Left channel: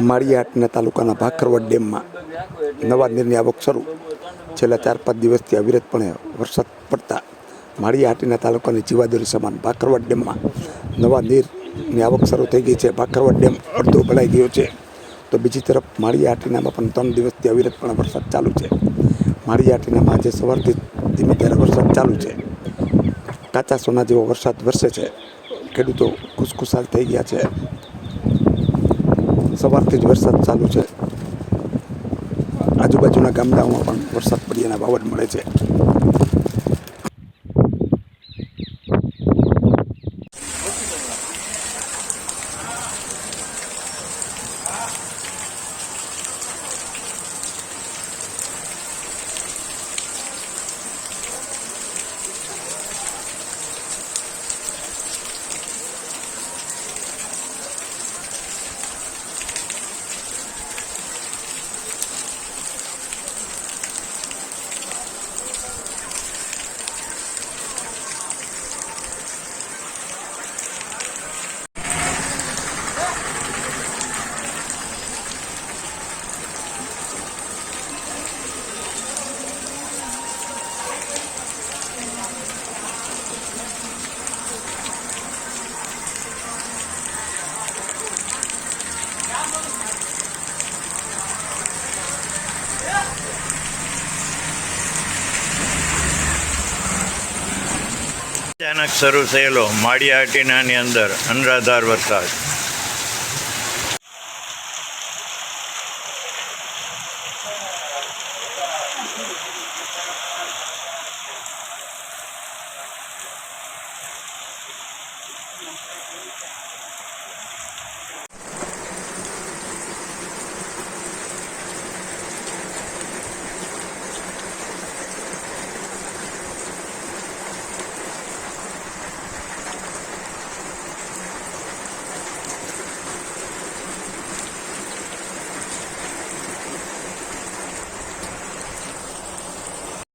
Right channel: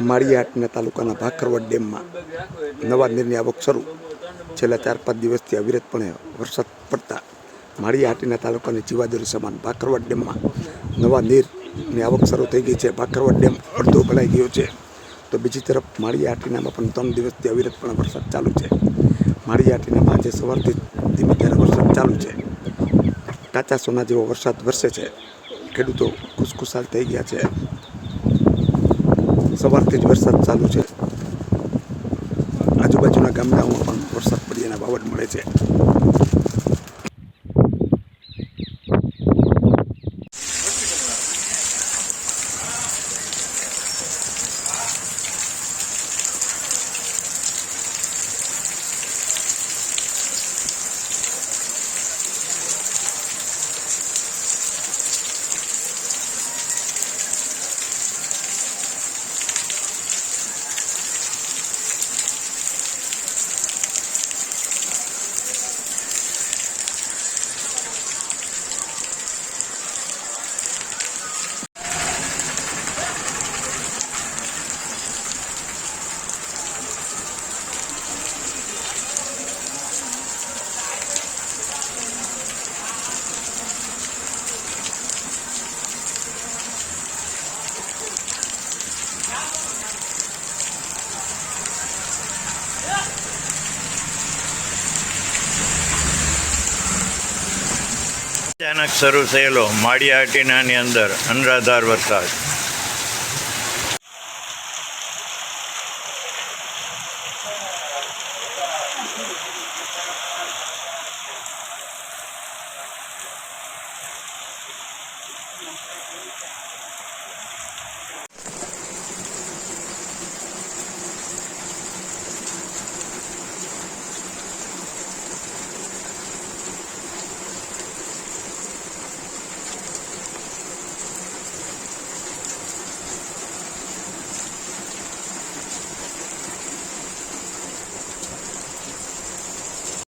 માળિયાહાટીના તાલુકાના ભાખરવડ ડેમમાં નવા નીરની આવક શરૂ. છેલ્લા 4-5 દિવસથી અવિરતપણે વરસાદ પડતા માળિયાહાટીના તાલુકાની જીવાદોરી સમાન ભાખરવડ ડેમમાં નવા નીરની આવક શરૂ થઈ ગઈ છે. ભાખરવડ ડેમ અડધો ભરાઈ ગયો છે, તો બીજી તરફ માળિયાહાટીનામાં પણ 3 દિવસથી અવિરતપણે વરસાદ ચાલુ છે. માળિયાહાટીનામાં આજે સવારથી ધીમે ધારે વરસાદ ચાલુ છે. કાચા સોના જેવો વરસાદ વરસે છે. ખેડૂતો ખુશખુશાલ થઈ ગયા છે. સવારથી જ વરસાદ ચાલુ છે. આજુબાજુના ગામડાઓમાં પણ વરસાદ પડ્યાના વાવડ મળે છે. અચાનક શરૂ થયેલો માળિયાહાટીનાની અંદર અનરાધાર વરસાદ.